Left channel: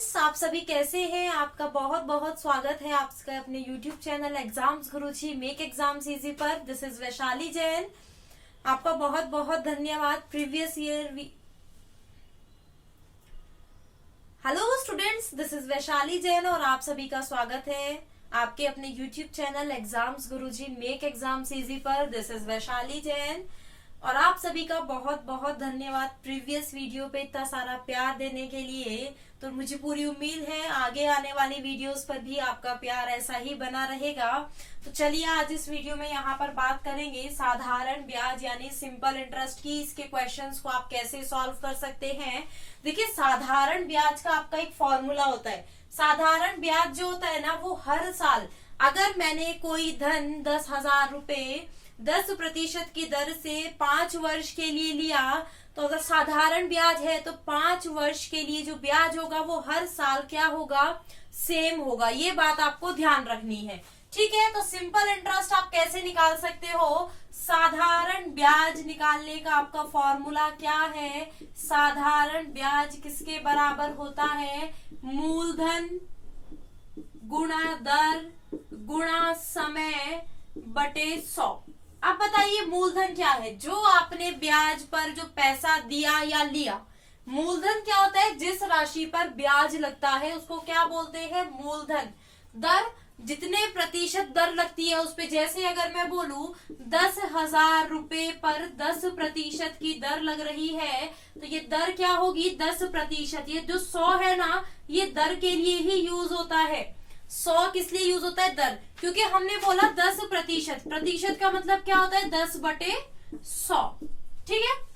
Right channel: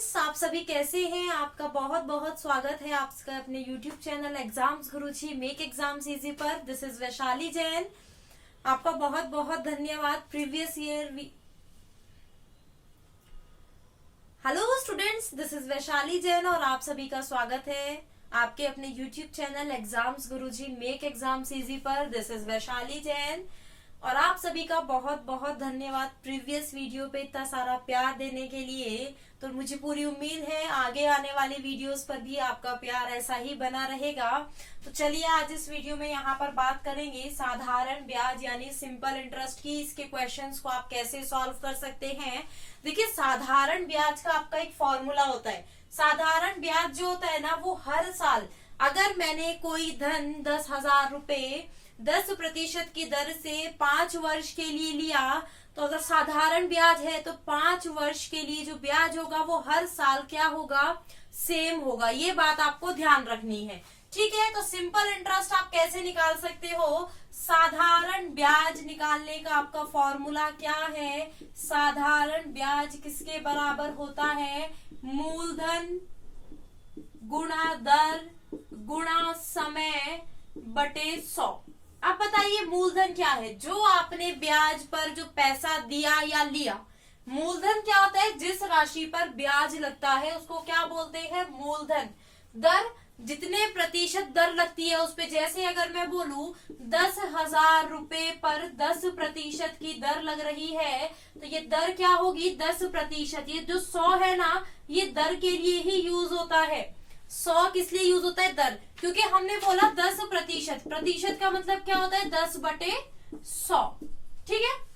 Students, आप सभी कैसे हैं। आपका बहुत बहुत स्वागत है आपका अपने यूट्यूब चैनल एग्जाम्स गुरुजी मेक एग्जाम्स इजी पर। This is Vaishali Jain. आपका बहुत बहुत धन्यवाद। Previous year hello students, this is Vaishali Jain और आप सभी का स्वागत है आपके अपने यूट्यूब चैनल एग्जाम्स गुरुजी मेक एग्जाम्स इजी पर। दिस इज वैशाली जैन और आप सभी का बहुत बहुत धन्यवाद प्रीवियस वीडियो पे इतना सारा प्यार देने के लिए। तो मुझे पूरी उम्मीद है आगे आने वाली वीडियोस पर भी आपका प्यार ऐसा ही बना रहेगा। तो चलिए आज इस वीडियो में यहाँ पर बात करेंगे साधारण ब्याज यानी सिंपल इंटरेस्ट की। इसके क्वेश्चंस को आप कैसे सॉल्व कर सकते हैं। देखिए, साधारण ब्याज का आपका एक फॉर्मूला होता है। साधारण ब्याज जो होता है ना, वो हर साल अगर मैंने कोई धन 10,000 रुपए 10% की दर से 5 वर्ष के लिए लिया, तो अगर साधारण ब्याज है तो 5 वर्ष के लिए जो ब्याज होगा वो हर साल क्या होगा, सेम होगा। ये बात आपको ध्यान रखनी है, ठीक है। तो सिंपल इंटरेस्ट आप कैसे निकाल सकते हो। साधारण ब्याज निकालने का आपका फॉर्मूला क्या है। साधारण ब्याज किसके बराबर होता है, मूलधन गुणा दर गुणा समय बटे 100। अब बताइए मूलधन क्या है। जो आपने ब्याज पर जो पैसा दिया या लिया, मूलधन क्या होता है, जिस राशि पर ब्याज लगता है उसको क्या बोलते हैं, मूलधन। दर, जितने प्रतिशत दर लगती है उस पे, जैसे अगर मैं बोलूं 10,000 रुपए पर 10% की दर लग रही है, तो ये दर क्या होगी, 10%। ये जो 100 है ना, ये दर के लिए ही यूज होता है। 100 किस लिए यूज होता है, दर, क्योंकि हमने बोला 10%। प्रतिशत का मतलब क्या होता है, 10/100, ठीक है।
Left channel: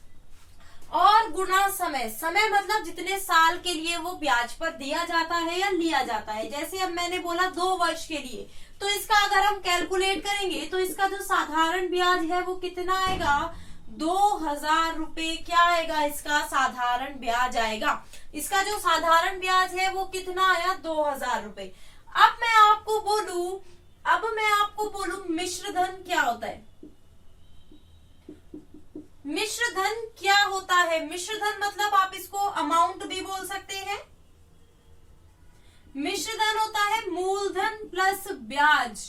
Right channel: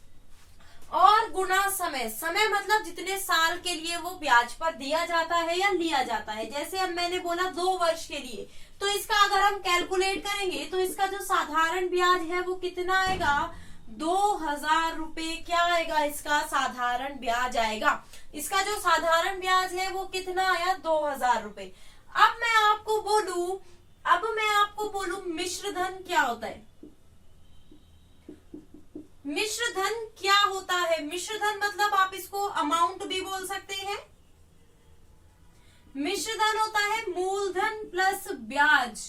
और गुणा समय, समय मतलब जितने साल के लिए वो ब्याज पर दिया जाता है या लिया जाता है। जैसे अब मैंने बोला 2 वर्ष के लिए, तो इसका अगर हम कैलकुलेट करेंगे तो इसका जो साधारण ब्याज है वो कितना आएगा, 2,000 रुपए क्या आएगा, इसका साधारण ब्याज आएगा। इसका जो साधारण ब्याज है वो कितना आया, 2,000 रुपए। अब मैं आपको बोलूं मिश्र धन क्या होता है। मिश्र धन क्या होता है, मिश्र धन मतलब आप इसको अमाउंट भी बोल सकते हैं। मिश्र धन होता है मूलधन प्लस ब्याज।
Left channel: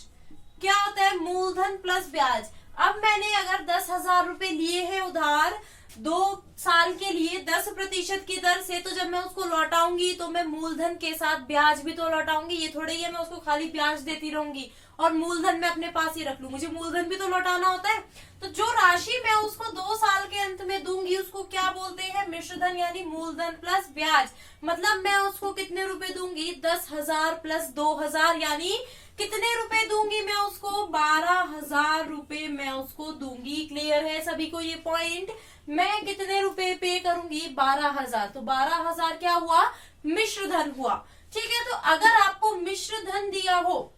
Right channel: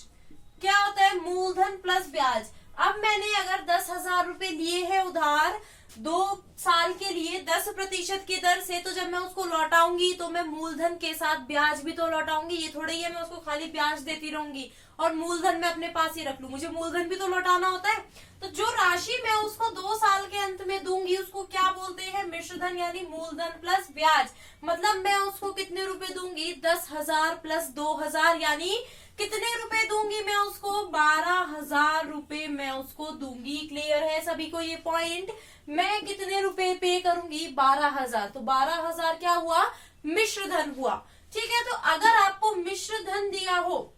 क्या होता है, मूलधन प्लस ब्याज। अब मैंने अगर 10,000 रुपए लिए हैं उधार 2 साल के लिए 10% की दर से, तो जब मैं उसको लौटाऊंगी तो मैं मूलधन के साथ ब्याज भी तो लौटाऊंगी। ये थोड़ी है मैं उसको खाली ब्याज देती रहूंगी और मूलधन मैं अपने पास ही रख लूं, मुझे मूलधन भी तो लौटाना होता है। तो जो राशि मैं उसको 2 साल के अंत में दूंगी उसको क्या बोलते हैं, मिश्र धन यानी मूलधन प्लस ब्याज। मतलब मैं उसको कितने रुपए दूंगी, 10,000 प्लस 2,000 यानी कितने रुपए दूंगी मैं उसको, 12,000 रुपए मैं उसको दूंगी। क्लियर है सभी को ये पॉइंट। मैं कितने रुपए पे करूंगी, 12,000। तो 12,000 क्या हुआ, मिश्र धन हुआ, ठीक है। तो अगर आपको मिश्र धन दिया हो,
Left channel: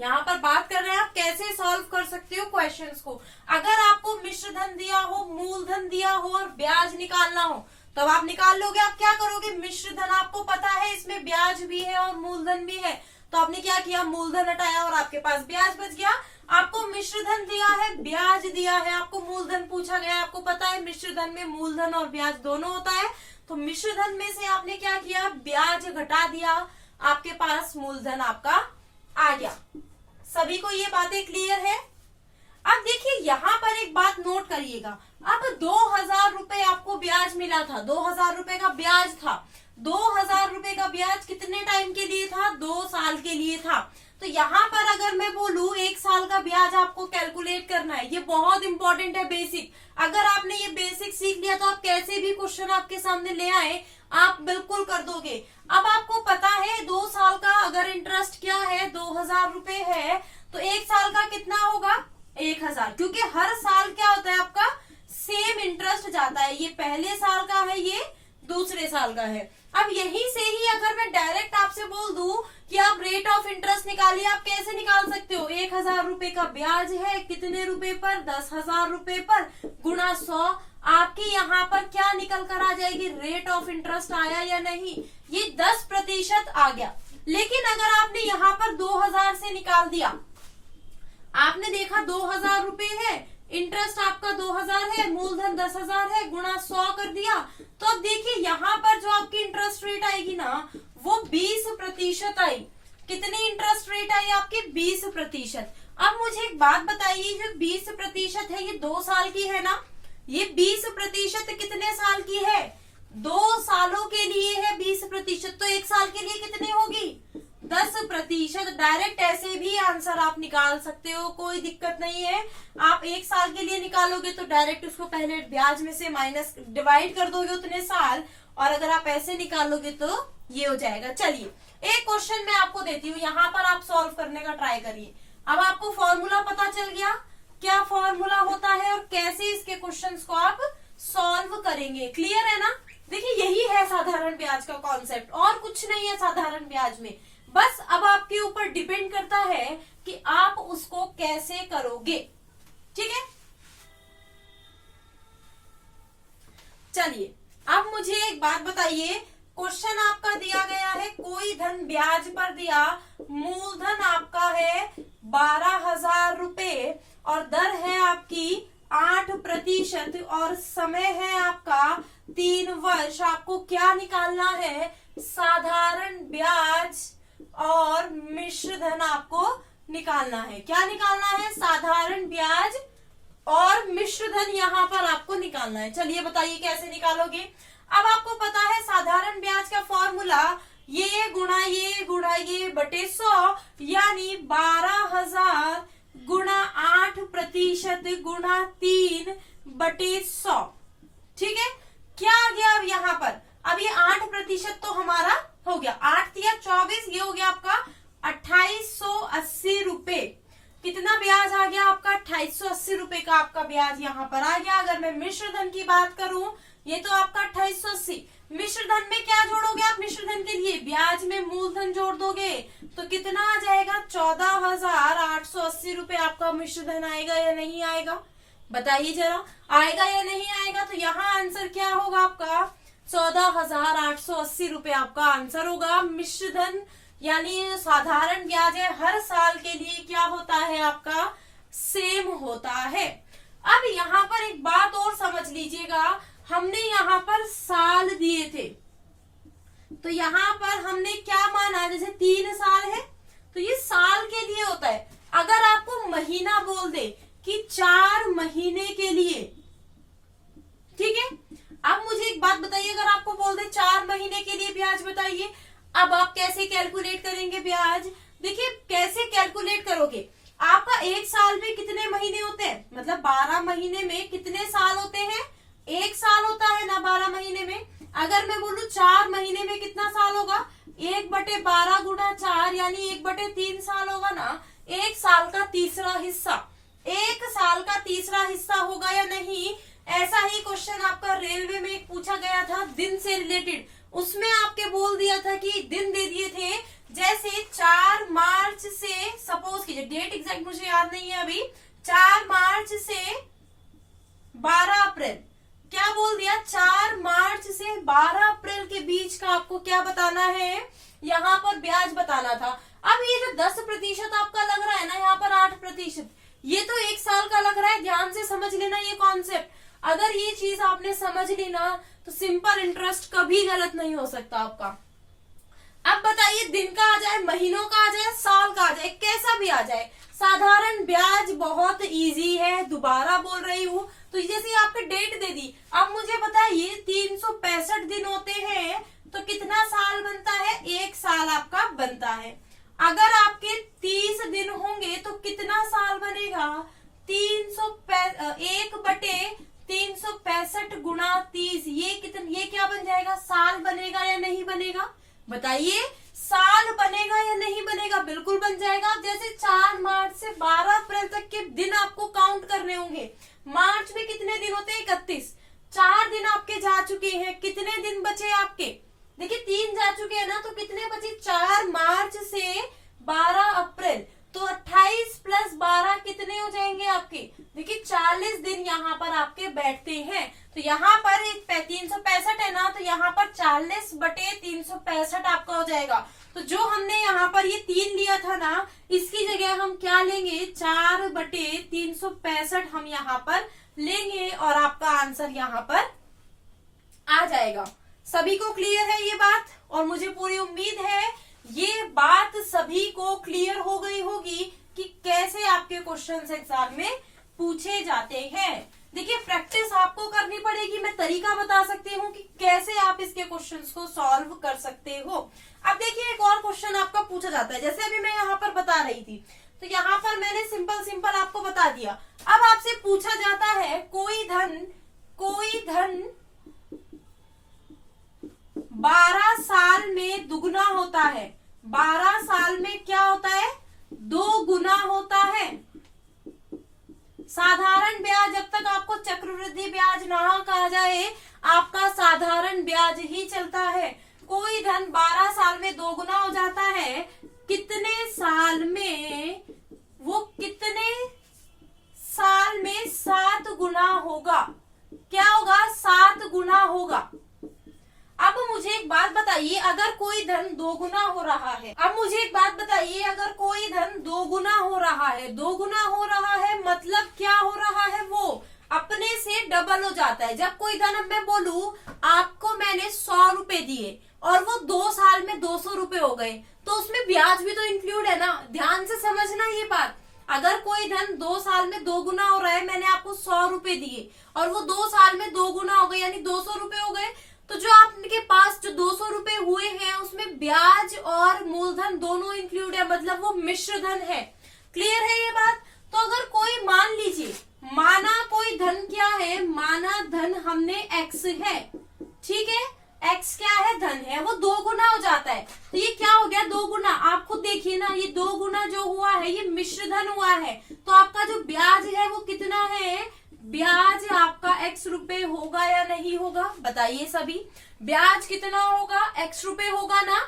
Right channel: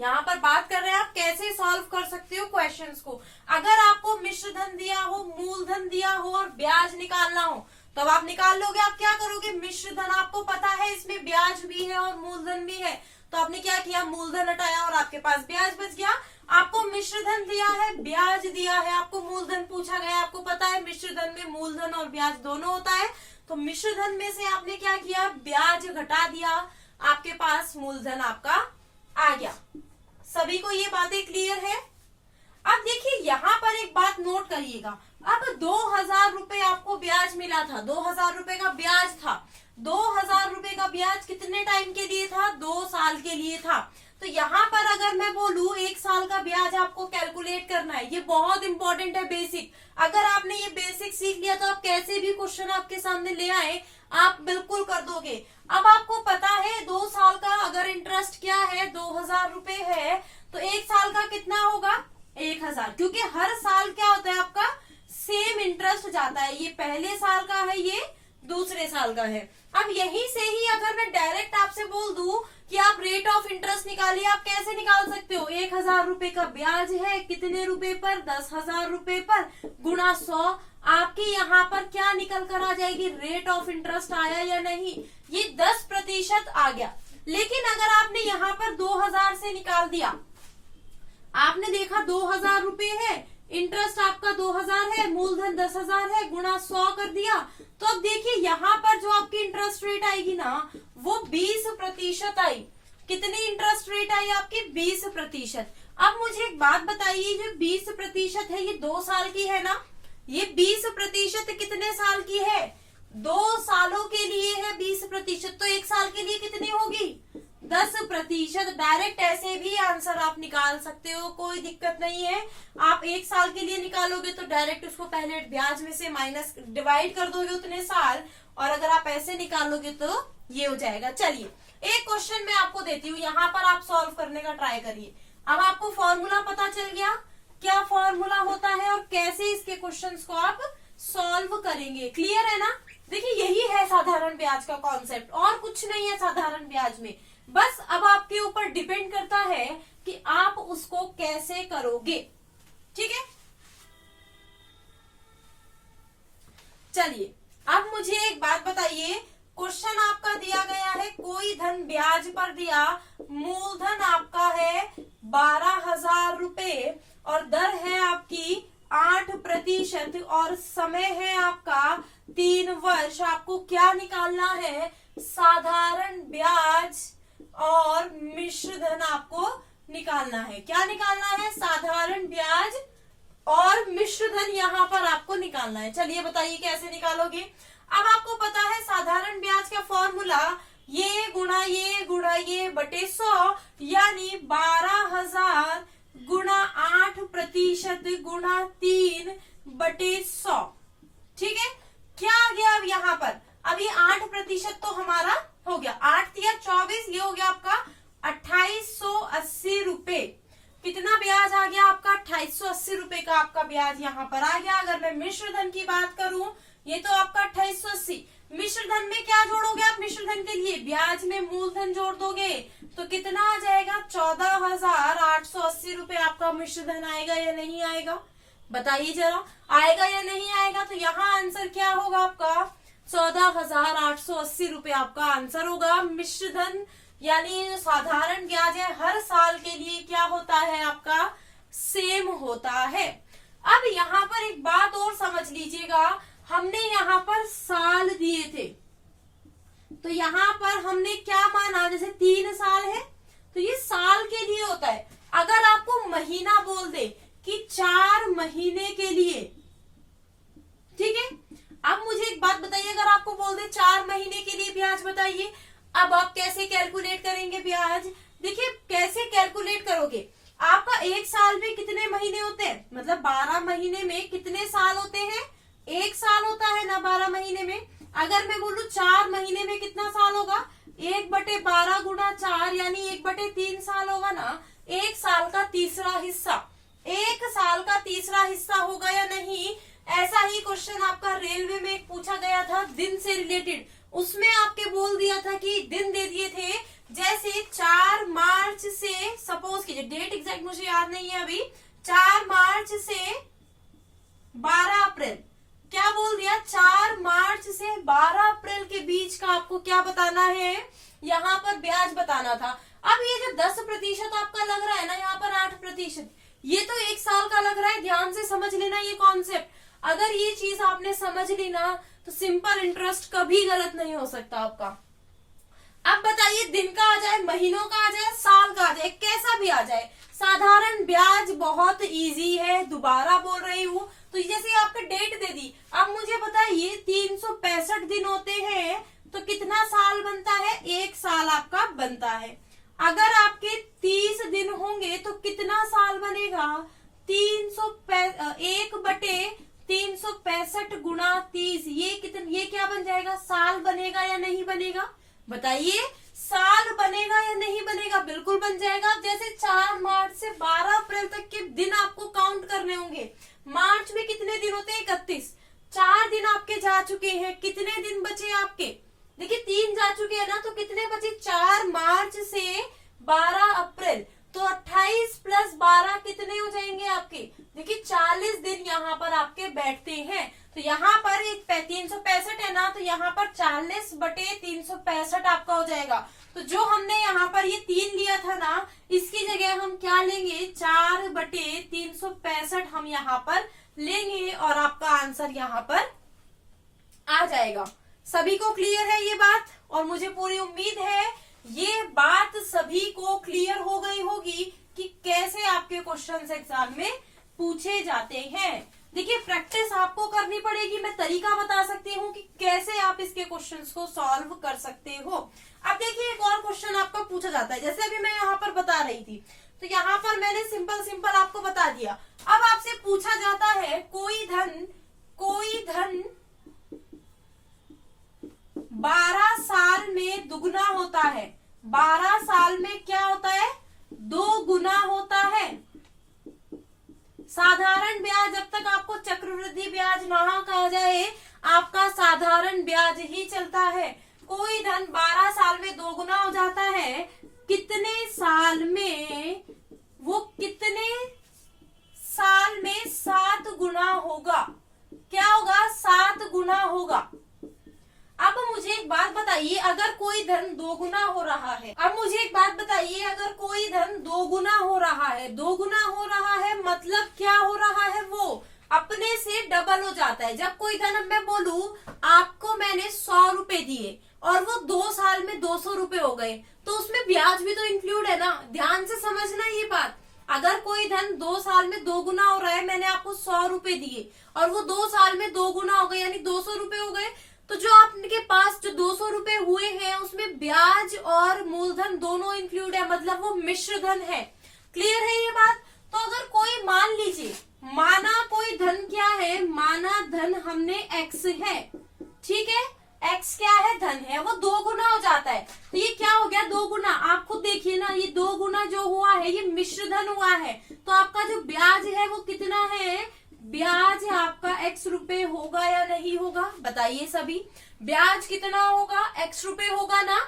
यहाँ पर बात कर रहे हैं आप कैसे सॉल्व कर सकते हो क्वेश्चंस को। अगर आपको मिश्र धन दिया हो, मूलधन दिया हो और ब्याज निकालना हो, तब आप निकाल लोगे। आप क्या करोगे, मिश्र धन आपको पता है इसमें ब्याज भी है और मूलधन भी है, तो आपने क्या किया, मूलधन हटाया और आपके पास ब्याज बच गया। आपको मिश्र धन दिया है, ब्याज दिया है, आपको मूलधन पूछा गया, आपको पता है मिश्र धन में मूलधन और ब्याज दोनों होता है, तो मिश्र धन में से आपने क्या किया, ब्याज घटा दिया, आपके पास मूलधन आपका आ गया। सभी को ये बातें क्लियर है। अब देखिए यहाँ पर एक बात नोट करिएगा। अब 2,000 रुपए आपको ब्याज मिला था, 2,000 रुपए का ब्याज था। 2,000 रुपए का ब्याज कितने टाइम के लिए था, 2 साल के लिए था। तो यहाँ पर अगर मैं बोलूं 1 साल का ब्याज आपको कैलकुलेट करना है, ये बहुत इंपॉर्टेंट है, बेसिक। अगर आपने ये बेसिक सीख लिया तो आप कैसे भी क्वेश्चन आपके सामने ले आए आप बिल्कुल कर दोगे। अब आपको पता है 2 साल का अगर इंटरेस्ट क्या है, 2,000 रुपए है, तो 1 साल का कितना होगा, 1,000। क्योंकि हर साल क्या होता है आपका, सेम इंटरेस्ट जाता है। ये पहले साल का है, ये दूसरे साल का है। अब यहीं से ही अगर मैं डायरेक्ट आपसे बोल दूं कि आप रेट ऑफ इंटरेस्ट निकालिए, आप कैसे निकाल सकते हो, 1,000 रुपए का ब्याज है, कितने रुपए पर, 10,000 रुपए पर, गुणा 100। आपकी यहाँ पर क्या निकल कर आ जाएगी, रेट ऑफ इंटरेस्ट आया या नहीं, ये 10% आ गया। लेकिन अगर आपने यहाँ पर 2,000 से निकाल दिया, आपने देखा 2,000 रुपए है, इंटरेस्ट आपका 2,000 है, मूलधन 10,000 है, गुणा 100 कर दिया, तो अब देखिए यहाँ पर जो आपकी इंटरेस्ट रेट आएगी ना, वो 20% आई। कितनी इंटरेस्ट रेट आई आपकी? 20%। अब मुझे एक बात बताइए, जो 20% है ये 2 साल की है ना? ये 20% कितने साल की है? 2 सालों के लिए है 20%, तो 1 साल के लिए कितनी होगी? 10%। डायरेक्ट ऐसे भी आंसर आप निकाल सकते हो, कोई दिक्कत नहीं है। आप 1 साल के लिए निकालोगे तो डायरेक्ट उसको पहले ब्याज में से माइनस डिवाइड कर दोगे उतने साल, और अगर आप ऐसे निकालोगे तो ये हो जाएगा। चलिए एक क्वेश्चन मैं आपको देती हूँ, यहाँ पर आप सॉल्व करने का ट्राई करिए। अब आपको फॉर्मूला पता चल गया, क्या फॉर्मूला होता है और कैसे इसके क्वेश्चंस को आप सॉल्व करेंगे। क्लियर है ना? देखिए यही है साधारण ब्याज का कॉन्सेप्ट, और कुछ नहीं है साधारण ब्याज में। बस अब आपके ऊपर डिपेंड करता है कि आप उसको कैसे करोगे। ठीक है, चलिए अब मुझे एक बात बताइए, क्वेश्चन आपका दिया गया है कोई धन ब्याज पर दिया, मूलधन आपका है 12,000 रुपए और दर है आपकी 8% और समय है आपका 3 वर्ष। आपको क्या निकालना है? साधारण ब्याज और मिश्र धन आपको निकालना है। क्या निकालना है? साधारण ब्याज और मिश्र धन यहाँ पर आपको निकालना है। चलिए बताइए कैसे निकालोगे। अब आपको पता है साधारण ब्याज का फॉर्मूला ये गुणा ये बटे 100, यानी 12,000 गुणा 8% गुणा 3 बटे 100। ठीक है, क्या आ गया अब यहाँ पर? अब ये 8% तो हमारा हो गया, 8 या 24, ये हो गया आपका 2880 रुपए। कितना ब्याज आ गया आपका? 2880 रुपए का आपका ब्याज यहाँ पर आ गया। अगर मैं मिश्र धन की बात करूं, ये तो आपका 2880। मिश्र धन में क्या जोड़ोगे आप? मिश्र धन के लिए ब्याज में मूलधन जोड़ दोगे तो कितना आ जाएगा? 14,880 रुपए आपका मिश्र धन आएगा या नहीं आएगा? बताइए जरा, आएगा या नहीं आएगा? तो यहाँ आंसर क्या होगा आपका? 14,880 रुपए आपका आंसर होगा। मिश्र धन यानी साधारण ब्याज है, हर साल के लिए क्या होता है आपका? सेम होता है। अब यहाँ पर एक बात और समझ लीजिएगा, हमने यहाँ पर साल दिए थे, तो यहाँ पर हमने क्या माना? जैसे 3 साल है तो ये साल के लिए होता है। अगर आपको महीना बोल दे कि 4 महीने के लिए, ठीक है। अब मुझे एक बात बताइए, अगर आपको बोल दे 4 महीने के लिए ब्याज बताइए, अब आप कैसे कैलकुलेट करेंगे ब्याज? देखिए कैसे कैलकुलेट करोगे, आपका 1 साल में कितने महीने होते हैं? मतलब 12 महीने में कितने साल होते हैं? 1 साल होता है ना 12 महीने में। अगर मैं बोलूं 4 महीने में कितना साल होगा? 1/12 गुणा 4 यानी 1/3 साल होगा ना। 1 साल का तीसरा हिस्सा, 1 साल का तीसरा हिस्सा होगा या नहीं? ऐसा ही क्वेश्चन आपका रेलवे में पूछा गया था दिन से रिलेटेड, उसमें आपके बोल दिया था कि दिन दे दिए थे, जैसे 4 मार्च से, सपोज कीजिए, डेट एग्जैक्ट मुझे याद नहीं है अभी, 4 मार्च से 12 अप्रैल, क्या बोल दिया? 4 मार्च से 12 अप्रैल के बीच का आपको क्या बताना है? यहाँ पर ब्याज बताना था। अब ये जो 10% आपका लग रहा है ना, यहाँ पर 8%, ये तो 1 साल का लग रहा है। ध्यान से समझ लेना ये कॉन्सेप्ट। अगर ये चीज आपने समझ ली ना तो सिंपल इंटरेस्ट कभी गलत नहीं हो सकता आपका। अब बताइए, दिन का आ जाए, महीनों का आ जाए, साल का आ जाए, कैसा भी आ जाए, साधारण ब्याज बहुत इजी है। दोबारा बोल रही हूँ, तो जैसे आपने डेट दे दी, अब मुझे बताइए 365 दिन होते हैं तो कितना साल बनता है? 1 साल आपका बनता है। अगर आपके 30 दिन होंगे तो कितना साल बनेगा? 1/365 गुणा 30, ये क्या बन जाएगा? साल बनेगा या नहीं बनेगा? बताइए, साल बनेगा या नहीं बनेगा? बिल्कुल बन जाएगा। जैसे 4 मार्च से 12 अप्रैल तक के दिन आपको काउंट करने होंगे। मार्च में कितने दिन होते हैं? 31। 4 दिन आपके जा चुके हैं, कितने दिन बचे आपके? देखिए 3 जा चुके हैं ना, तो कितने बचे? 4 मार्च से 12 अप्रैल, तो 28 + 12 कितने हो जाएंगे आपके? देखिए 40 दिन यहाँ पर आपके बैठते हैं। तो यहाँ पर 365 है ना, तो यहाँ पर 40/365 आपका हो जाएगा। तो जो हमने यहाँ पर ये 3 लिया था ना, इसकी जगह हम क्या लेंगे? 4/365 हम यहाँ पर लेंगे और आपका आंसर यहाँ पर आ जाएगा। सभी को क्लियर है ये बात? और मुझे पूरी उम्मीद है ये बात सभी को क्लियर हो गई होगी कि कैसे आपके क्वेश्चंस एग्जाम में पूछे जाते हैं। देखिए प्रैक्टिस आपको करनी पड़ेगी, मैं तरीका बता सकती हूँ कि कैसे आप इसके क्वेश्चंस को सॉल्व कर सकते हो। अब देखिए एक और क्वेश्चन आपका पूछा जाता है, जैसे अभी मैं यहाँ पर बता रही थी, तो यहाँ पर मैंने सिंपल आपको बता दिया। अब आपसे पूछा जाता है कोई धन 12 साल में दुगना होता है। 12 साल में क्या होता है? 2 गुना होता है। साधारण ब्याज, जब तक आपको चक्रवृद्धि ब्याज ना कहा जाए, आपका साधारण ब्याज ही चलता है। कोई धन 12 साल में 2 गुना हो जाता है, कितने साल में? वो कितने साल में 7 गुना होगा? क्या होगा? 7 गुना होगा। अब मुझे एक बात बताइए, अगर कोई धन 2 गुना हो रहा है, अब मुझे एक बात बताइए, अगर कोई धन 2 गुना हो रहा है, 2 गुना हो रहा है मतलब क्या हो रहा है? वो अपने से डबल हो जाता है। जब कोई धन, अब मैं बोलूं आपको मैंने 100 रुपए दिए और वो 2 साल में 200 रुपए हो गए, तो उसमें ब्याज भी तो इंक्लूड है ना। ध्यान से समझना ये बात। अगर कोई धन 2 साल में 2 गुना हो रहा है, मैंने आपको 100 रुपए दिए और वो 2 साल में 2 गुना हो गए यानी 200 रुपए हो गए, तो जो आपके पास जो 200 रुपए हुए हैं उसमें ब्याज और मूलधन दोनों इंक्लूड है, मतलब वो मिश्र धन है। क्लियर है ये बात? तो अगर कोई मान लीजिए, माना कोई धन क्या है, माना धन हमने x है, ठीक है, x क्या है? धन है, वो 2 गुना हो जाता है, तो ये क्या हो गया? 2 गुना। आप खुद देखिए ना, ये 2 गुना जो हुआ है ये मिश्र धन हुआ है, तो आपका जो ब्याज है वो कितना है? ब्याज आपका x रुपए होगा या नहीं होगा? बताइए सभी, ब्याज कितना होगा? x रुपए होगा ना।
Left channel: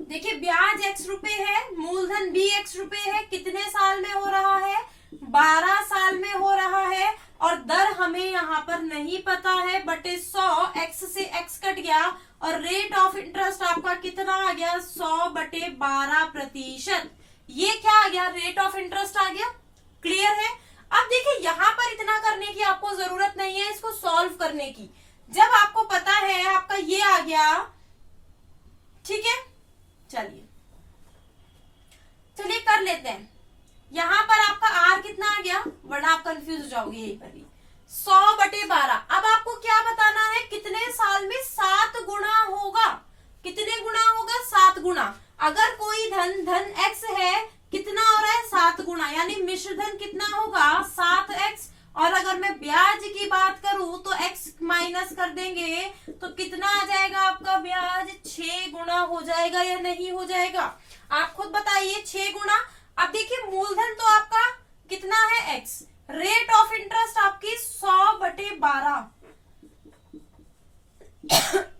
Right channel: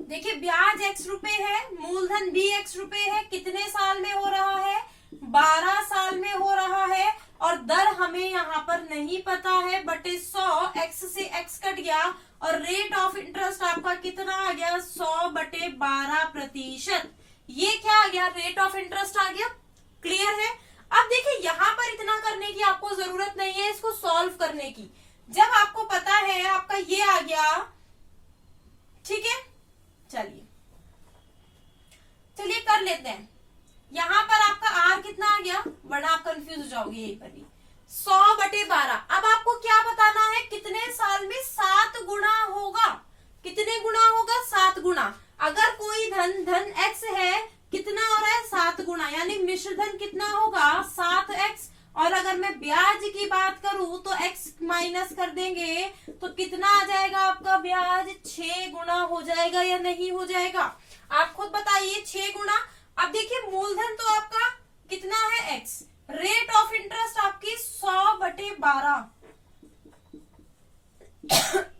देखिए ब्याज x रुपए है, मूलधन भी x रुपए है, कितने साल में हो रहा है? 12 साल में हो रहा है, और दर हमें यहाँ पर नहीं पता है, बटे 100, x से x कट गया और रेट ऑफ इंटरेस्ट आपका कितना आ गया? 100/12%। ये क्या आ गया? रेट ऑफ इंटरेस्ट आ गया। क्लियर है? अब देखिए यहाँ पर इतना करने की आपको जरूरत नहीं है इसको सॉल्व करने की, जब आपको पता है आपका ये आ गया, ठीक है। चलिए कर लेते हैं। यहाँ पर आपका आर कितना आ गया, वरना आप कंफ्यूज हो जाओगे यहीं पर भी। 100/12। अब आपको क्या बताना है? कितने साल में 7 गुना होगा? कितने गुना होगा? 7 गुना। अगर कोई धन x है, कितना हो रहा है? 7 गुना, यानी मिश्र धन कितना होगा? 7x। और अगर मैं ब्याज की बात करूं तो x माइनस कर देंगे तो कितना आ जाएगा आपका ब्याज? 6 गुना हो जाएगा या नहीं हो जाएगा? आप खुद बताइए। 6 गुना। अब देखिए मूलधन तो आपका कितना है? x। रेट ऑफ इंटरेस्ट आपकी 100/12।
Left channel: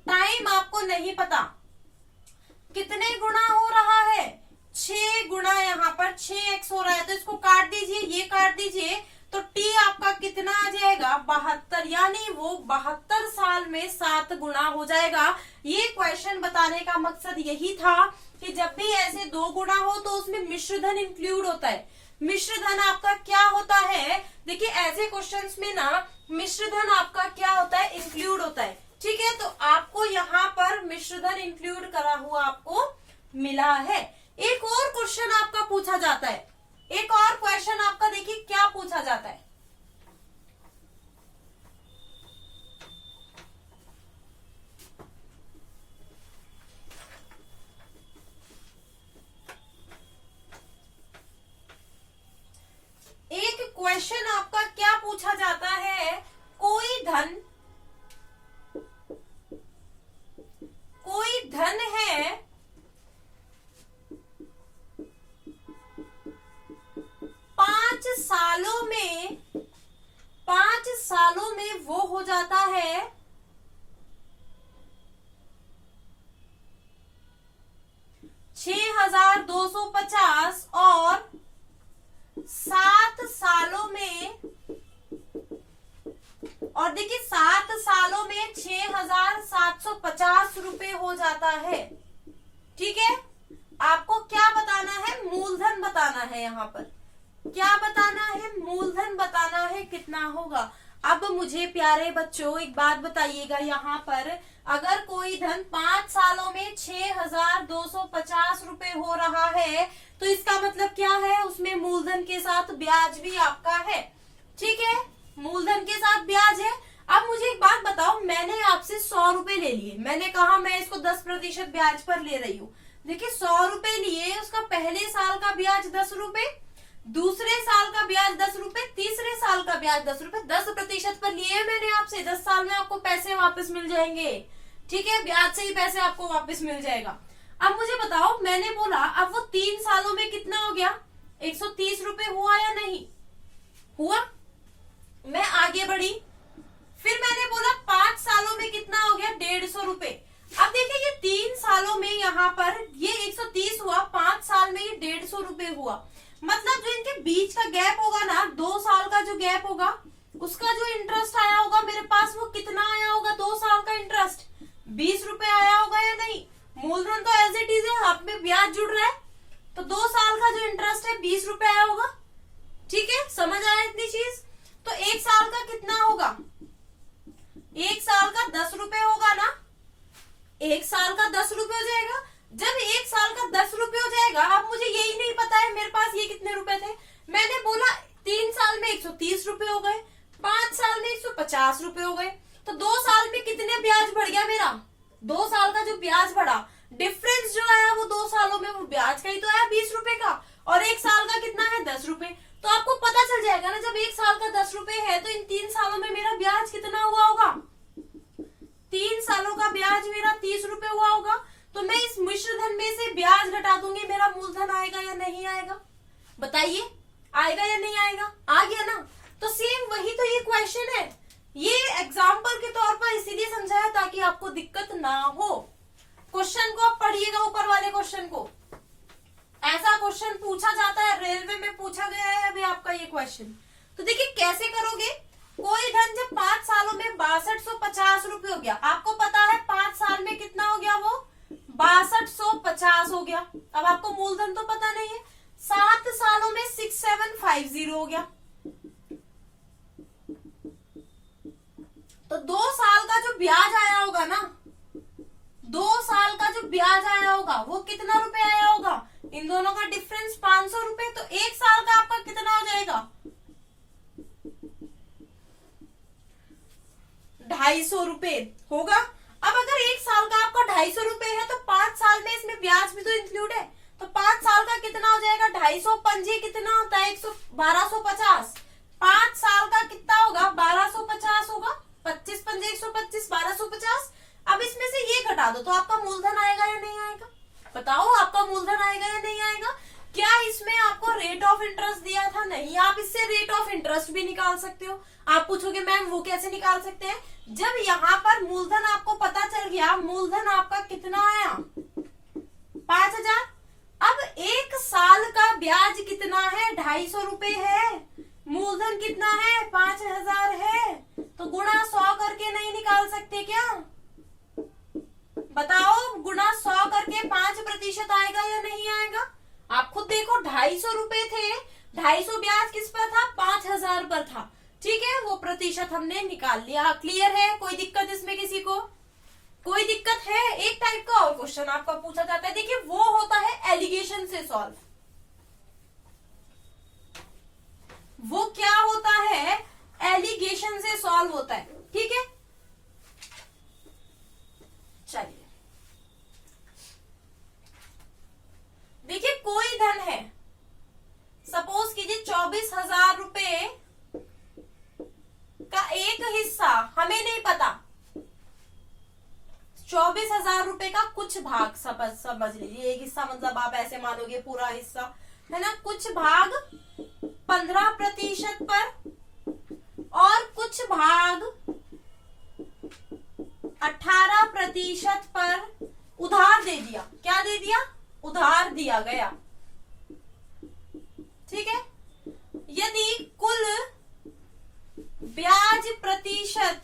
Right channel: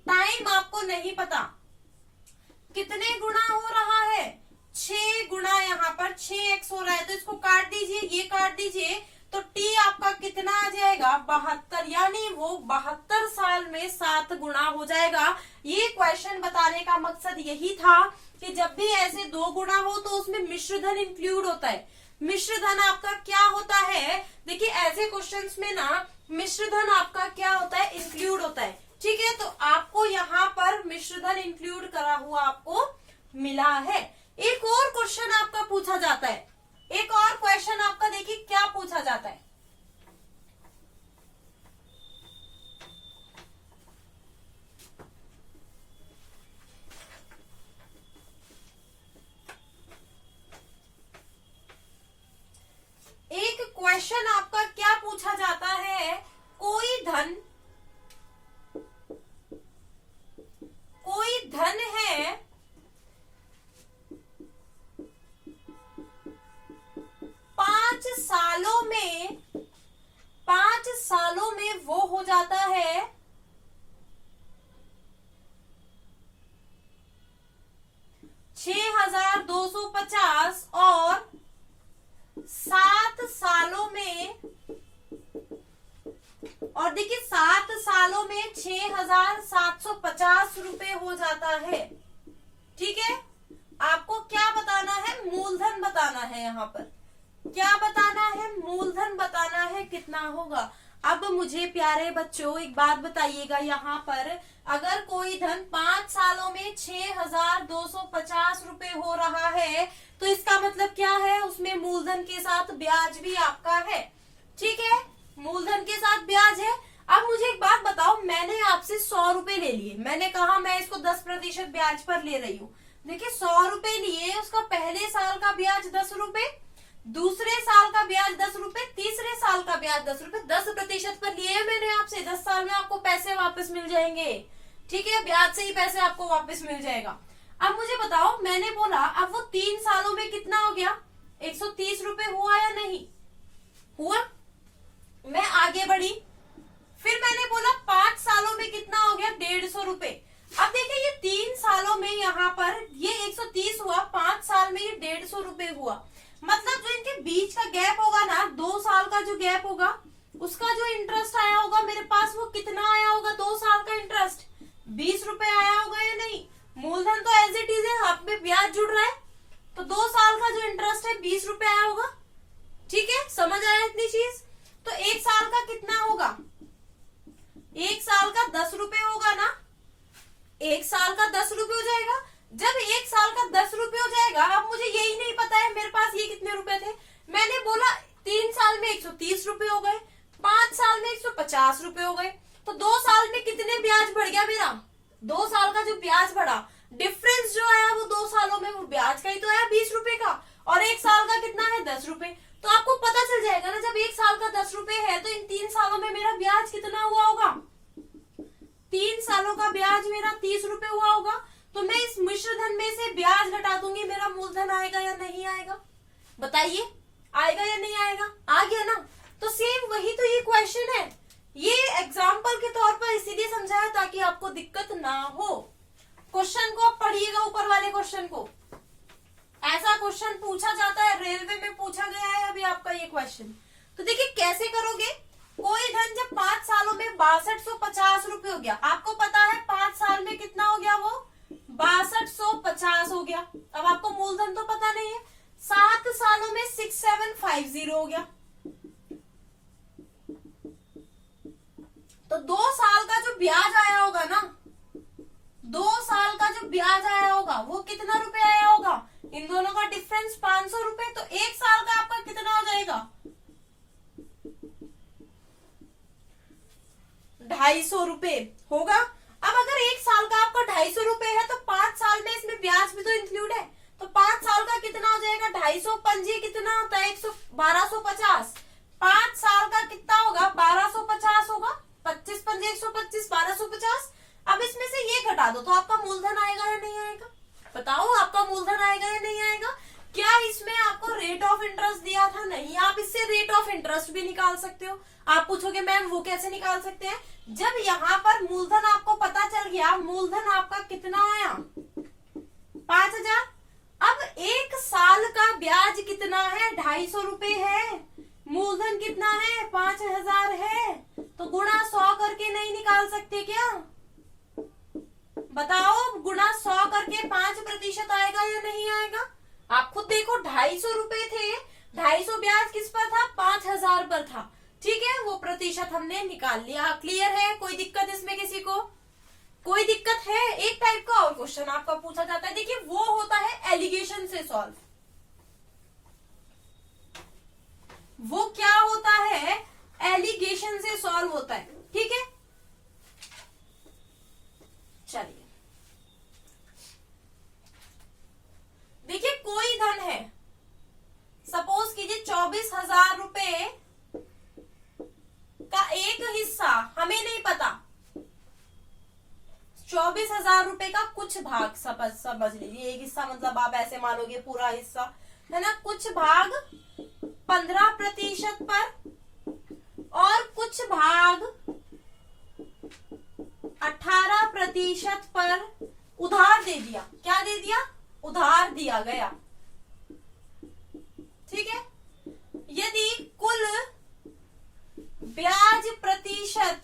टाइम आपको नहीं पता, कितने गुना हो रहा है? 6 गुना। यहाँ पर 6x हो रहा है, तो इसको काट दीजिए, ये काट दीजिए, तो t आपका कितना आ जाएगा? 72, यानी वो 72 साल में 7 गुना हो जाएगा। ये क्वेश्चन बताने का मकसद यही था कि जब भी ऐसे 2 गुना हो तो उसमें मिश्र धन इंक्लूड होता है। मिश्र धन आपका क्या होता है? देखिए ऐसे क्वेश्चंस में ना मिश्र धन आपका क्या होता है? इंक्लूड होता है, ठीक है। तो आपको यहाँ पर मिश्र धन इंक्लूड करा हुआ आपको मिला है। एक और क्वेश्चन आपका पूछा जाता है, एक और क्वेश्चन आपका देखिए क्या पूछा जाता है। एक क्वेश्चन आपका क्या पूछा जाता है? कोई धन है 5 सालों में वो हो जाता है 6,250 और 7 सालों में, और देखिए 7 सालों में 6,750 रुपए हो जाता है, ठीक है। आपको क्या बताना है? मूलधन बताना है। यहाँ पर क्या बताना है? मूलधन बताना है कितना होगा। अब मुझे प्यारे बच्चों एक बात बताइएगा, यहाँ पर अगर कोई धन 5 सालों में 6,250 रुपए हो रहा है तो इसका मतलब क्या है, उसमें मूलधन के साथ ब्याज भी आपका है। ठीक है, मूलधन के साथ ब्याज है। अब मुझे एक बात बताओ, मैंने आपसे 100 रुपए ले लिए, मैंने कहा मैं इसको 10% ब्याज पर ले रही हूँ। देखिए 100 रुपए लिए, उसका पहले साल का ब्याज 10 रुपए, दूसरे साल का ब्याज 10 रुपए, तीसरे साल का ब्याज 10 रुपए, 10% पर लिए मैंने आपसे। 10 साल में आपको पैसे वापस मिल जाएंगे। ठीक है, ब्याज से ही पैसे आपको वापस मिल जाएगा। अब मुझे बताओ, मैंने बोला अब वो 3 सालों में कितना हो गया, 130 रुपए हुआ या नहीं हुआ। मैं आगे बढ़ी, फिर मैंने बोला 5 सालों में कितना हो गया, 150 रुपए। अब देखिए ये 3 सालों में यहाँ पर ये 130 हुआ, 5 साल में ये 150 रुपए हुआ। मतलब जो इनके बीच का गैप होगा ना, 2 साल का जो गैप होगा, उसका जो इंटरेस्ट आया होगा मेरे पास, वो कितना आया होगा, 2 साल का इंटरेस्ट 20 रुपए आया होगा या नहीं। मूलधन तो एज इट इज है, आप में ब्याज जुड़ रहा है, तो 2 साल का जो इंटरेस्ट है 20 रुपए आया होगा। ठीक है, समझ आया इतनी चीज। तो 1 साल का कितना होगा, 1 साल का 10 रुपए होगा ना, 1 साल का 10 रुपए हो जाएगा। जब 1 साल का 10 रुपए हो जाएगा, अब मुझे यही नहीं पता है मेरे पास ये कितने रुपए थे, मैंने बोला 3 साल में 130 रुपए हो गए, 5 साल में 150 रुपए हो गए, तो 2 साल में कितने ब्याज बढ़ गया मेरा, 2 साल का जो ब्याज बढ़ा, डिफरेंस जो आया वो 2 सालों में वो ब्याज का ही तो आया 20 रुपए का, और 1 साल का कितना है 10 रुपए। तो आपको पता चल जाएगा ना, जब 1 साल का 10 रुपए है तो इन 3 सालों में मेरा ब्याज कितना हुआ होगा, 3 सालों का ब्याज मेरा 30 रुपए हुआ होगा। तो मैं इस मिश्र धन में से ब्याज घटा दूंगी, मेरा मूलधन आएगा या नहीं आएगा, बताइए आएगा या नहीं आएगा, आ गया ना। तो सेम वही तो ये क्वेश्चन है, ये एग्जाम्पल के तौर पर इसीलिए समझाया ताकि आपको दिक्कत ना हो। क्वेश्चन को आप पढ़िएगा, ऊपर वाले क्वेश्चन को, ऐसा क्वेश्चन पूछा जाता है, रेलवे में पूछा गया है अभी आपका ये क्वेश्चन। तो देखिए कैसे करोगे, कोई धन जब 5 सालों में 6250 रुपए हो गया, आपको पता है 5 साल में कितना हो गया, वो 6250 हो गया। अब आपको मूलधन तो पता नहीं है, 7 सालों में 6750 हो गया, तो 2 साल का जो ब्याज आया होगा ना, 2 साल का जो ब्याज आया होगा वो कितना रुपए आया होगा, इन दोनों का डिफरेंस 500 रुपए। तो 1 साल का आपका कितना हो जाएगा, 250 रुपए होगा। अब अगर 1 साल का आपका 250 रुपए है तो 5 साल में इसमें ब्याज भी तो इंक्लूड है, तो 5 साल का कितना हो जाएगा, 250 पंजी कितना होता है, 1250। 5 साल का कितना होगा, 1250 होगा, 25 पंजे 125, 1250। अब इसमें से ये घटा दो तो आपका मूलधन आएगा या नहीं आएगा, बताओ आपका मूलधन आएगा या नहीं आएगा। क्या इसमें आपको रेट ऑफ इंटरेस्ट दिया था, नहीं, आप इससे रेट ऑफ इंटरेस्ट भी निकाल सकते हो। आप पूछोगे मैम वो कैसे निकाल सकते हैं, जब यहाँ पर मूलधन आपको पता चल गया, मूलधन आपका कितना आया 5000, अब 1 साल का ब्याज कितना है, 250 रुपए है, मूलधन कितना है 5000 है, तो गुणा 100 करके नहीं निकाल सकते क्या, बताओ गुणा 100 करके 5% आएगा या नहीं आएगा। आप खुद देखो, 250 रुपए थे, 250 ब्याज किस पर था, 5000 पर था। ठीक है, वो प्रतिशत हमने निकाल लिया। क्लियर है, कोई दिक्कत इसमें किसी को, कोई दिक्कत है। एक टाइप का और क्वेश्चन आपका पूछा जाता है, देखिए वो होता है एलिगेशन से सॉल्व। वो क्या होता है, एलिगेशन से सॉल्व होता है। ठीक है, चलिए देखिए कोई धन है, सपोज कीजिए 24,000 रुपए का एक हिस्सा, हमें नहीं पता, 24,000 रुपए का कुछ भाग समझ लीजिए, एक हिस्सा मतलब आप ऐसे मानोगे पूरा हिस्सा है ना, कुछ भाग 15% पर और कुछ भाग 18% पर उधार दे दिया। क्या दे दिया, उधार दिया गया। ठीक है, यदि कुल ब्याज प्रतिशत,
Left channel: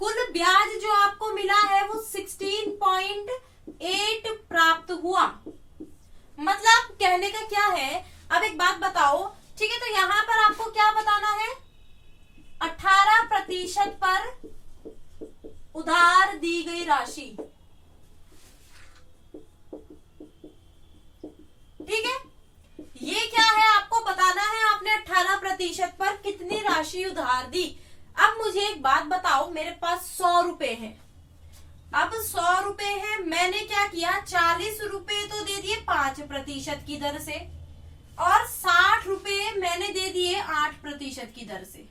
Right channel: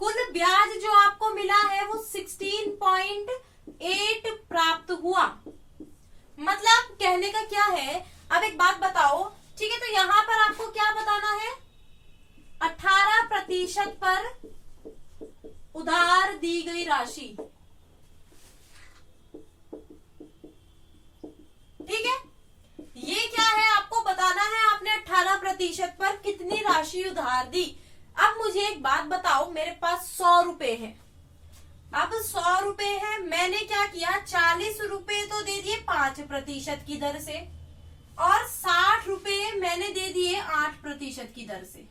कुल ब्याज जो आपको मिला है वो 16.8 प्राप्त हुआ। मतलब कहने का क्या है, अब एक बात बताओ, ठीक है, तो यहां पर आपको क्या बताना है, 18% पर उधार दी गई राशि। ठीक है, ये क्या है आपको बताना है, आपने 18% पर कितनी राशि उधार दी। अब मुझे एक बात बताओ, मेरे पास 100 रुपए है। अब 100 रुपए है, मैंने क्या किया, 40 रुपए तो दे दिए 5% की दर से, और 60 रुपए मैंने दे दिए 8% की दर से।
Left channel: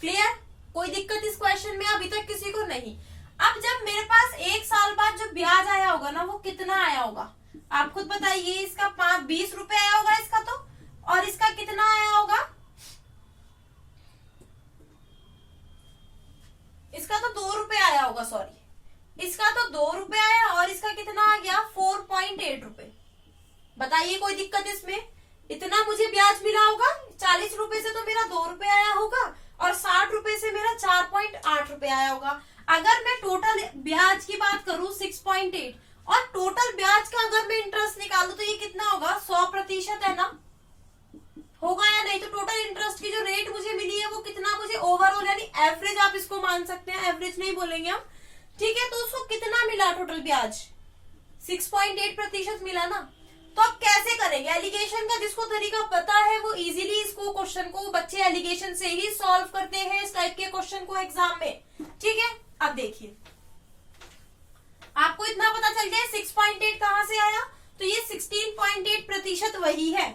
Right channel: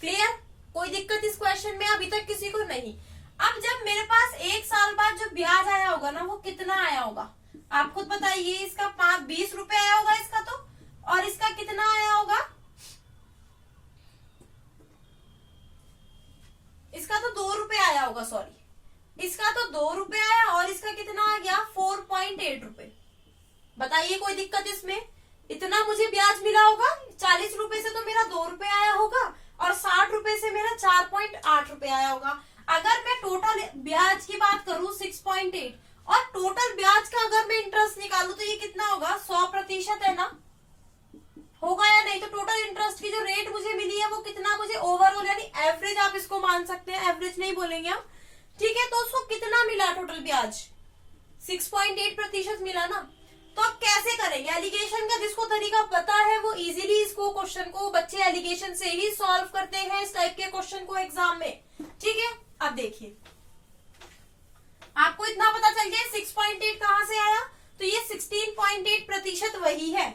क्लियर? कोई दिक्कत इस क्वेश्चन में अभी तक किसी को नहीं। अब जब मेरे पास 1 साल बाद जो ब्याज आया होगा ना, वो कितना आया होगा आप खुद बताइए। इसका 20 रुपए आया होगा इसका तो, और इसका कितना आया होगा, इसका तो 2 रुपए आया होगा, सॉरी इसका तो 2 रुपए आया, और इसका कितना आ गया 4.8 रुपए। बताइए कोई दिक्कत इसमें? इतना मुझे ब्याज मिला होगा, 40 रुपए से तो मेरा 2 रुपए आया होगा, और 60 रुपए से मेरा 4.8 रुपए आया होगा। अगर मैं टोटल ब्याज की बात करूं 6.8, और टोटल ब्याज का अगर मैं इंटरेस्ट निकालूं तो ये कितना होगा, 100% है ना, होगा या नहीं? तो टोटल इंटरेस्ट की जो रेट मुझे मिली है वो कितना, मुझे ओवरऑल यानी एवरेज आप इसको मान सकते हैं, एवरेज नहीं बोलेंगे हम। ठीक है, तो उसको कितना मिला टोटल ब्याज, 6.8% मिला ना। तो अब कैसे करेंगे एलिगेशन का, जिसको तरीका पता है वो इजीली इसको क्वेश्चन को, बच्चे एलिगेशन से ही सॉल्व करते हैं इस टाइप के क्वेश्चन को एग्जाम में। ठीक है, अब देखिए आपको इतना पता चल गया 6.8 कहां से आया, तो ये 16.8% वही है।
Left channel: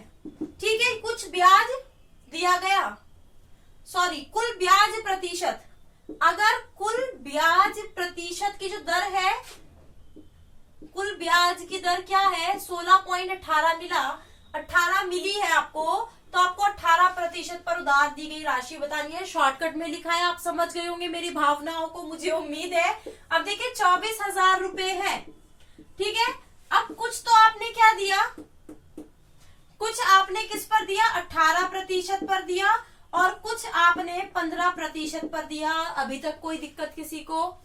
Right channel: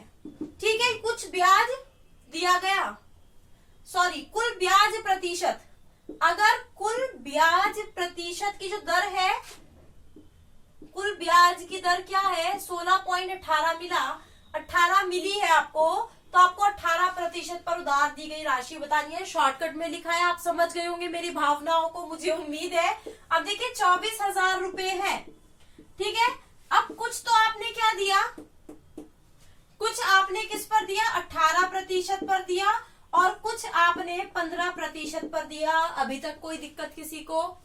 ठीक है, कुछ ब्याज दिया गया, सॉरी कुल ब्याज प्रतिशत, अगर कुल ब्याज प्रतिशत की जो दर है, कुल ब्याज की दर क्या है 16.18 मिला, 18 मिली है आपको, तो आपको 18% पर उधार दी गई राशि बतानी है। शॉर्टकट में लिखा है, आप समझ गए होंगे मेरी भावनाओं को, मुझे उम्मीद है। अब देखिए 24,000 रुपए है। ठीक है, अब कुछ तो आपने क्या दिया, कुछ आपने किस पर दिया, 18% पर दिया, और कुछ आपने 15% पर दिया। अभी तक कोई दिक्कत किसी को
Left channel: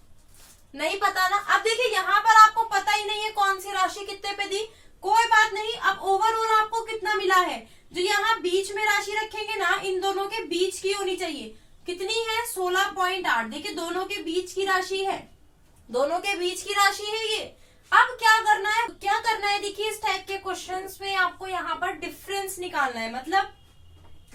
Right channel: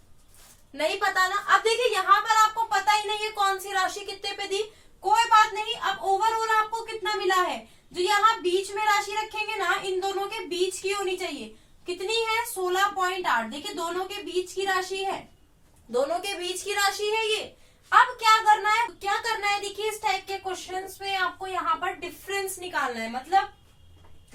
नहीं पता ना? अब देखिए यहाँ पर आपको पता ही नहीं है कौन सी राशि कितने पे दी, कोई बात नहीं। अब ओवरऑल आपको कितना मिला है, जो यहाँ बीच में राशि रखेंगे ना, इन दोनों के बीच की होनी चाहिए, कितनी है 16.8। देखिए दोनों के बीच की राशि है, दोनों के बीच की राशि है ये। अब क्या करना है, क्या करना है, देखिए इस टाइप के क्वेश्चंस में आपको यहाँ पर डिफरेंस निकालना है। मतलब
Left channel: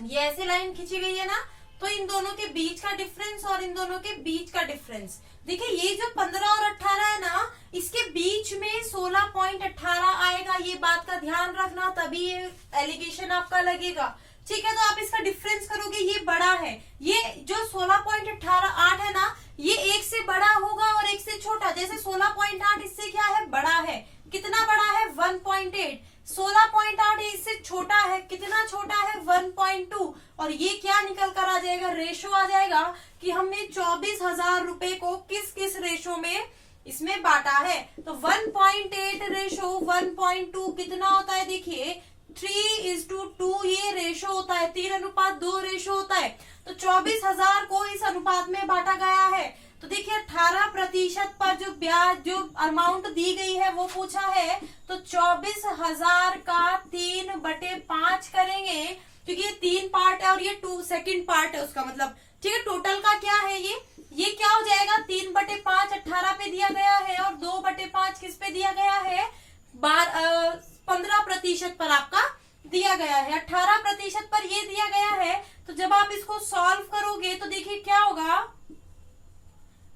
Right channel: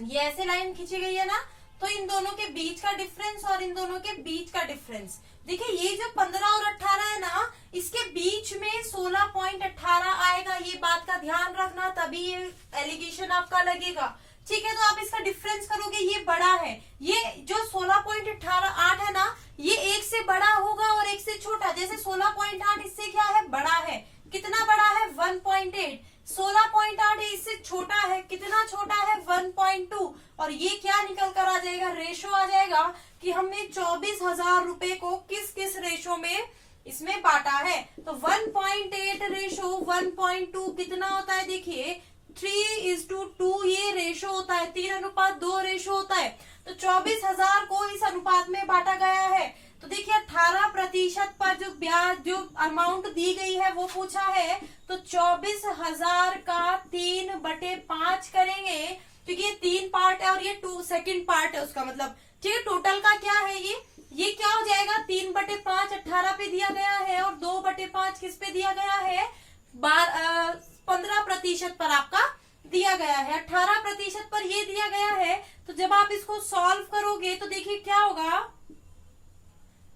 ये ऐसे लाइन खींची गई है ना, तो इन दोनों के बीच का डिफरेंस और इन दोनों के बीच का डिफरेंस। देखिए ये जो 15 और 18 है ना, इसके बीच में 16.18 आएगा, ये बात का ध्यान रखना, तभी ये एलिगेशन आपका लगेगा। ठीक है, तो आप इसका डिफरेंस करोगे, ये बड़ा है, ये जो 16.88 है ना, ये एक से बड़ा होगा और एक से छोटा। जैसे 16.8 इससे क्या है, बड़ा है, कितना बड़ा है 1.8, 16.8 इससे छोटा है, कितना छोटा है 1.2, और ये क्या निकल कर आ जाएगा, रेशो आ जाएगा कि हमने 24,000 रुपए को किस किस रेशो में इसमें बांटा है। तो 1.8 रेशो 1.2 कितना होता है, देखिए 3:2 ये रेशो होता है, 3:2 रेशो होता है। तो 24,000 को इस अनुपात में बांटा गया है। तो देखिए 18% पर जो ब्याज, जो अमाउंट दी गई है वो पूछा है, तो 24,000 का 3/5 करेंगे, क्योंकि ये 3 पार्ट है और ये 2 सेकंड पार्ट है उसका, मतलब ठीक है। टोटल का क्या है ये क्या हो जाएगा, 3/5 18 पे दिया गया है, और 2/5 किस पे दिया गया है, 15% पर आपका दिया गया है। 18% पर ये दिया गया है, तो जब आप इसको सॉल्व करोगे तो देखिए क्या होगा,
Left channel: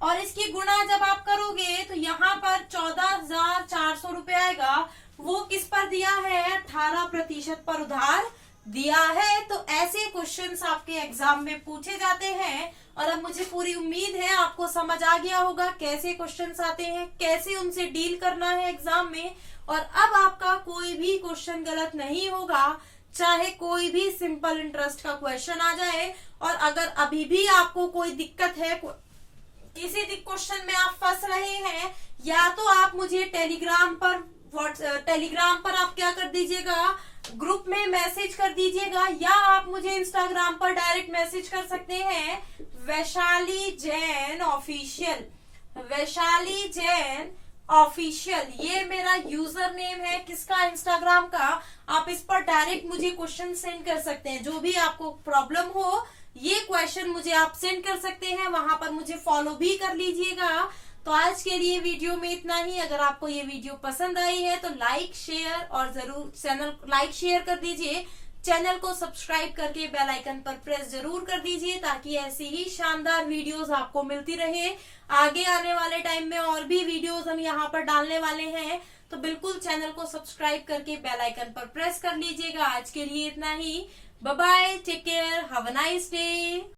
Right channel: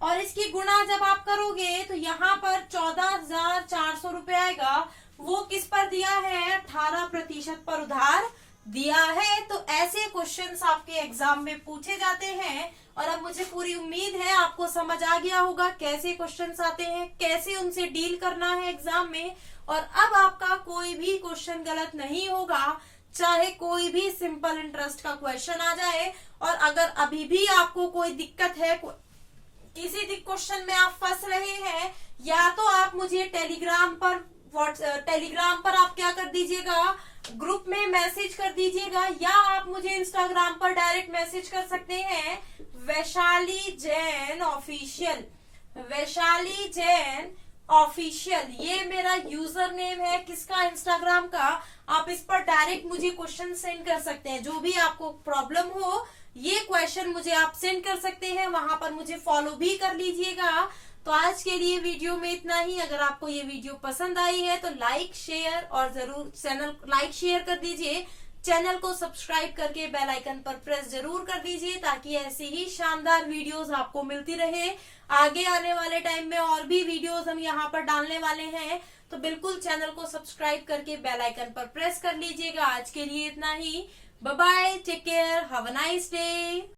और इसकी गुणा जब आप करोगे तो यहाँ पर 14,400 रुपए आएगा। वो किस पर दिया है, 18% पर उधार दिया है। तो ऐसे क्वेश्चंस आपके एग्जाम में पूछे जाते हैं, और अब मुझे पूरी उम्मीद है आपको समझ आ गया होगा कैसे क्वेश्चंस आते हैं, कैसे उनसे डील करना है एग्जाम में। और अब आपका कोई भी क्वेश्चन गलत नहीं होगा, चाहे कोई भी सिंपल इंटरेस्ट का क्वेश्चन आ जाए। और अगर अभी भी आपको कोई दिक्कत है, किसी भी क्वेश्चन में आप फंस रहे हैं, या तो आप मुझे टेलीग्राम पर आप क्या कर दीजिएगा, ग्रुप में मैसेज कर दीजिएगा, या आप मुझे इंस्टाग्राम पर डायरेक्ट मैसेज कर सकते हैं, वैशाली जैन ऑफिशियल, वैशाली जैन ऑफिशियल, ये मेरा यूजर नेम है किसका, इंस्टाग्राम का। आप इस पर डायरेक्ट मुझे क्वेश्चन सेंड कर सकते हैं, जो भी आपको प्रॉब्लम हो ये क्वेश्चन मुझे आप सेंड कर सकते हैं, वहां पर मुझे फॉलो भी कर लीजिएगा। तो आज के लिए वीडियो में इतना ही। अगर आपको ये वीडियो पसंद आई है तो लाइक शेयर और जरूर चैनल लाइक शेयर कर दीजिए, चैनल को सब्सक्राइब करके बेल आइकन पर प्रेस जरूर कर दीजिए, ताकि ऐसी ही शानदार वीडियोस आपको मिलती रहे। आगे आने वाले टाइम में और भी वीडियोस हम यहाँ पर डालने वाले हैं, तो बिल्कुल चैनल को सब्सक्राइब करके बेल आइकन पर प्रेस कर लीजिएगा। आज के लिए इतना ही। Bye bye, take care, have a nice day.